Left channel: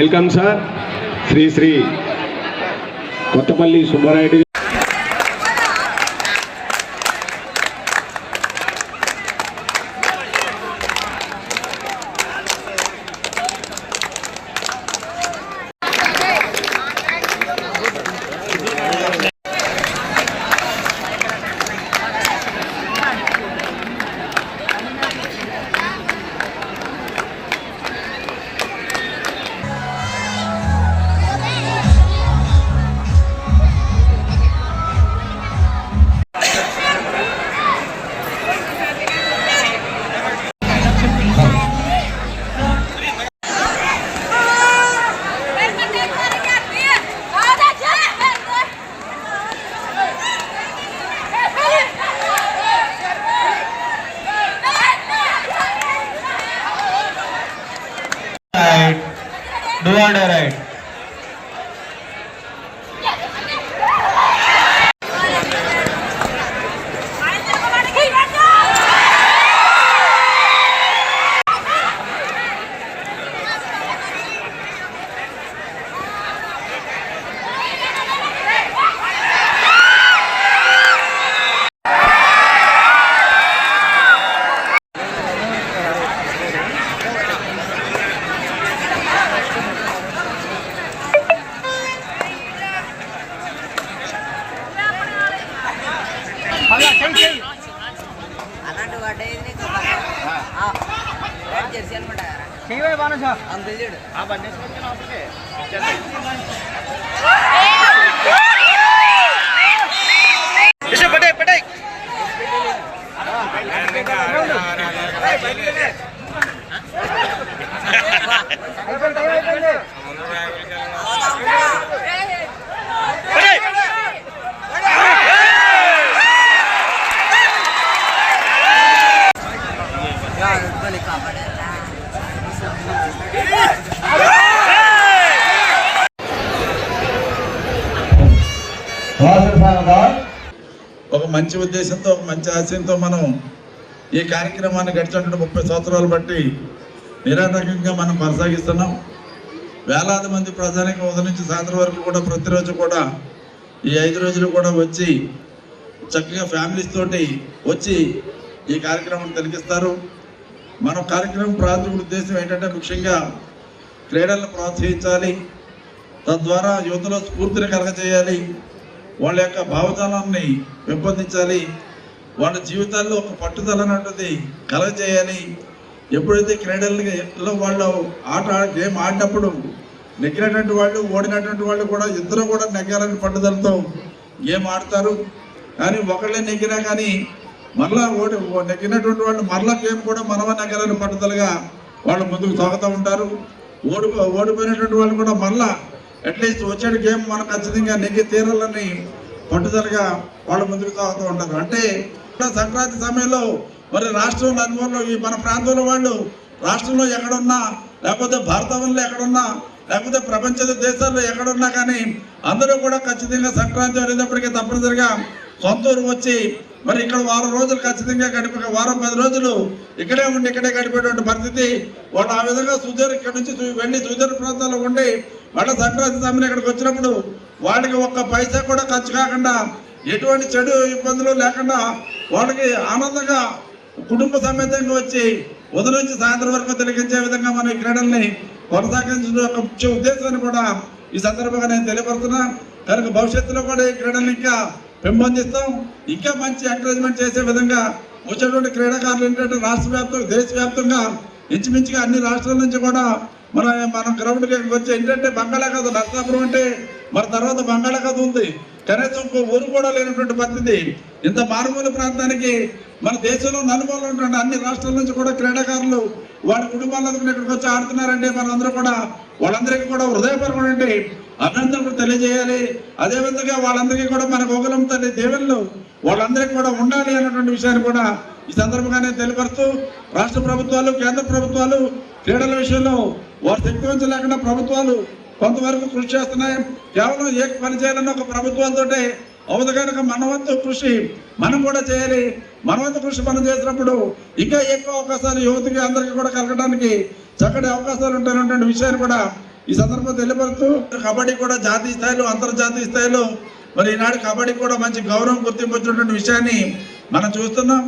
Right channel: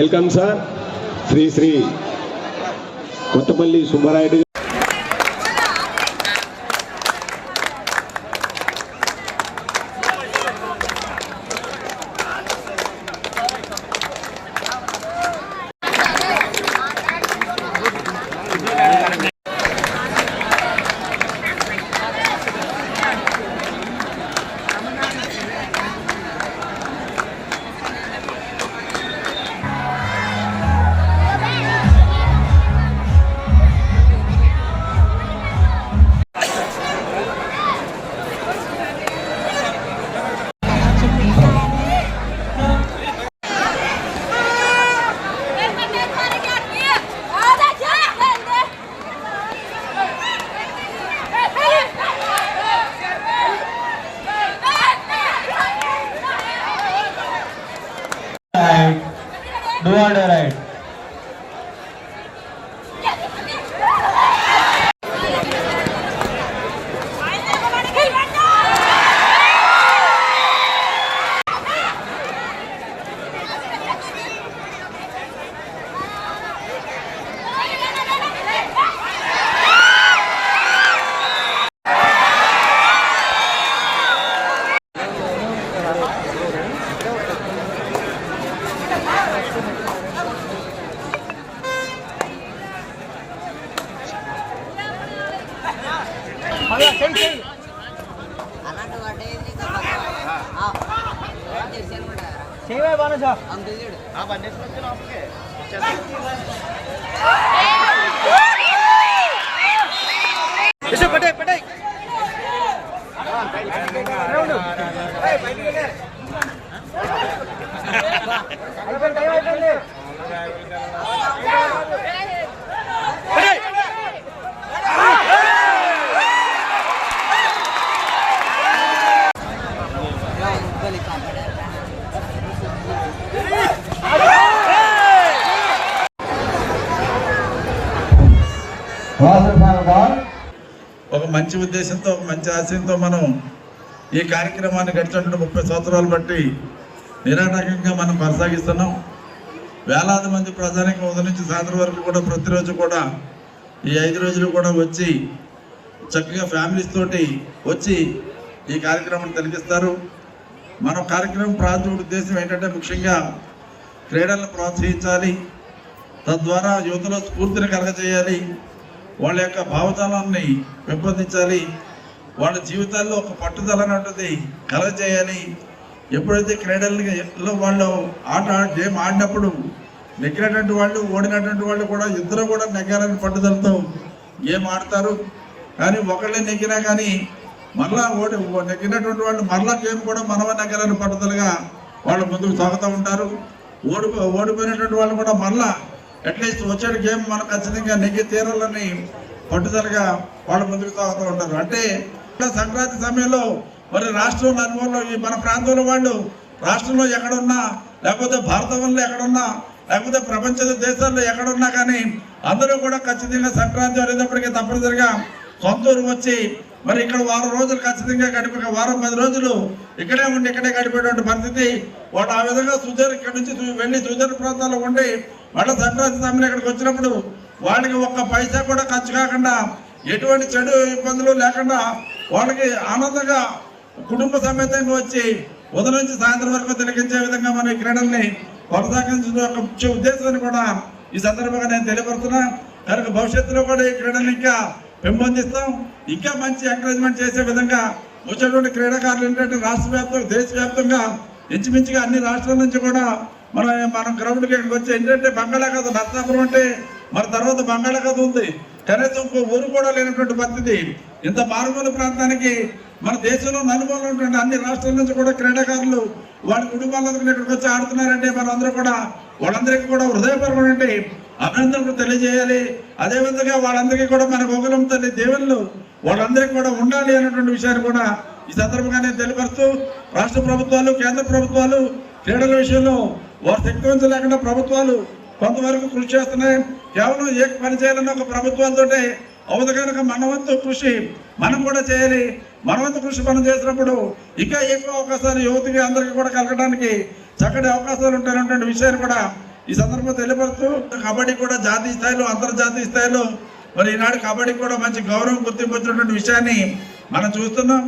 Welcome sir. Shri Shri Kothapalli Subbarayudu. Do or die right. ఒక మంచి ఉద్దేశంతో ఒక మంచి ఆశయంతో మనం ఈ కార్యక్రమాన్ని గడిచిన 30 సంవత్సరాలు బట్టి నిరాటంకంగా మనం కొనసాగిస్తున్నాం. వేలాది మంది ప్రజానికి ఉదయం నుంచి సాయంత్రం వరకు కూడా ప్రతిరోజు కూడా ఈ 5 రోజులు కూడా వచ్చి చక్కగా ఫ్యామిలీస్ తోటి వచ్చి ఈ కార్యక్రమాన్ని తిలకిస్తారు. మన కార్యక్రమం ప్రాథమిక ఉద్దేశం ఏంటంటే ముఖ్యంగా క్రీడలను ప్రోత్సహించాలి, తద్వారా యువతలో స్ఫూర్తిని కలగజేయాలి, వాళ్ళ యొక్క భావజాలాన్ని పెంపొందించాలి, వాళ్ళ జీవితాల్లో ఒక పట్టుదల అన్నది కలగజేయాలి. ఎప్పుడైతే క్రీడల్లో వాళ్ళు గేమ్ ఆడినప్పుడు నెగ్గినటువంటి వాళ్ళు ఓడినటువంటి వాళ్ళు కూడా ఇద్దరు కూడా నెగ్గాలని పట్టుదలతో గేమ్ ఆడతారు. కానీ ఒకళ్ళే నెగ్గినా కానీ మరలా నెగ్గినటువంటి వాళ్ళు మరలా గేమ్ కూడా మనవ నెగ్గాలని పట్టుదలగా వాళ్ళు ముందుకు సాగుతూ ఉంటారు. ఓడిపోయినటువంటి వాళ్ళు కూడా మరలా అట్లీస్ట్ వచ్చాడు గేమ్ మనం ఖచ్చితంగా నెగ్గి తీరాలని పట్టుదలగా వాళ్ళు ముందుకు సాగుతూ ఉంటారు. అంటే సంక్రాంతి సమయంలో మరి రాష్ట్రం అనుభవంలో ఈ మన ప్రాంతంలో వాళ్ళు రాష్ట్రంలో ఎక్కడున్నా లేకపోతే భారతంలో ఎక్కడున్నా లేకపోతే ప్రపంచ దేశాల్లో ఎక్కడున్నా కానీ అందరూ కూడా ఖచ్చితంగా సంక్రాంతి అనేటప్పటికీ తప్పనిసరిగా సొంత ఊరు వచ్చి మరి ఇక్కడ వారం రోజులు ఖచ్చితంగా గడిపి వారం 10 రోజులు ఇక్కడే ఉండి ఇక్కడే గడిపేటువంటి పరిస్థితి వాళ్ళు ఆ విధంగా ఇక్కడ నుంచి వెళ్ళి సుదూర ప్రాంతాల్లో ఉండి మళ్ళీ సంక్రాంతి సమయంలో ఇక్కడికి వచ్చినప్పుడు వాళ్ళకి ఒక్క పైసా కూడా ఖర్చు కాకుండా ఎటువంటి చెడు ఇబ్బందులు లేకుండా వాళ్ళకి ఆనందంగా కుటుంబ సమేతంగా వచ్చి ఉదయం నుంచి సాయంత్రం వరకు తిలకించే విధంగా మన క్రీడల్ని కొనసాగించడం యొక్క ముఖ్య ఉద్దేశాన్ని కూడా ఈ సందర్భంగా నేను తెలియపడుతున్నా. కనుక భవిష్యత్తులో కూడా ఈ క్రీడల్ని ఇంకా పెంపొందిస్తాం, ఇంకా మంచి ఎంకరేజ్మెంట్ చేసే విధంగా వచ్చేటువంటి క్రీడాకారులు ఏంటంటే రాష్ట్ర వ్యాప్తంగా దేశవ్యాప్తంగా ఇంచుమించుగా అన్ని రాష్ట్రాల నుంచి కూడా మనం గ్రౌండ్కి వచ్చి ఏంటంటే బంగాళాఖాతం నర్సాపురం అంటే మన తర్వాత బంగాళాఖాతం ఉంది, కనీసం ఇంకో ఊరు కూడా లేనటువంటి పరిస్థితి. ఇంత మారుమూల ప్రాంతానికి మన దేశంలో నలుమూలలో ఉన్నటువంటి అన్ని రాష్ట్రాల నుంచి కూడా క్రీడాకారులు వాళ్ళ కుటుంబాలందరూ ఇక్కడికి వచ్చి ఆడుతున్నారంటే మనందరూ కూడా వాళ్ళందరికీ కూడా హృదయపరమైనటువంటి అభినందనలు తెలియజేయాలి. అదేవిధంగా వాళ్ళందరికీ కూడా మన గోగులం తల్లి దేవుళ్ళు వాళ్ళందరికీ కూడా ఉండాలి అనేటువంటి విషయాన్ని కూడా ఈ సందర్భంగానే తెలియపరుస్తూ రాష్ట్ర ప్రభుత్వాలు కేంద్ర ప్రభుత్వాలు క్రీడల విషయంలో వారు శక్తి లేకుండా ప్రభుత్వాలు కొంతవరకు కృషి చేస్తున్నాయి. కేవలం ఏ పని చేయాలన్న ఒక ప్రభుత్వాలతో అవుతుంది కనుక మనవంతు కృషి మనం కూడా చేయాలి. మనవంతు కృషి మనం చేసినప్పుడు ఇంకా ఎక్కువ అవకాశాలు యువతికి అందరికీ కూడా కలగడానికి చక్కటి అవకాశాలు ఉంటాయన్నటువంటి విషయాన్ని కూడా ఈ సందర్భంగా తెలియపరుస్తూ కబడ్డీ కూడా జాతీయ స్థాయిలో అంతర్జాతీయ స్థాయిలో మరి ఈనాడు కబడ్డీ కూడా మంచి గౌరవం గుర్తింపు వచ్చినటువంటి విషయాన్ని మనం చూస్తున్నాం.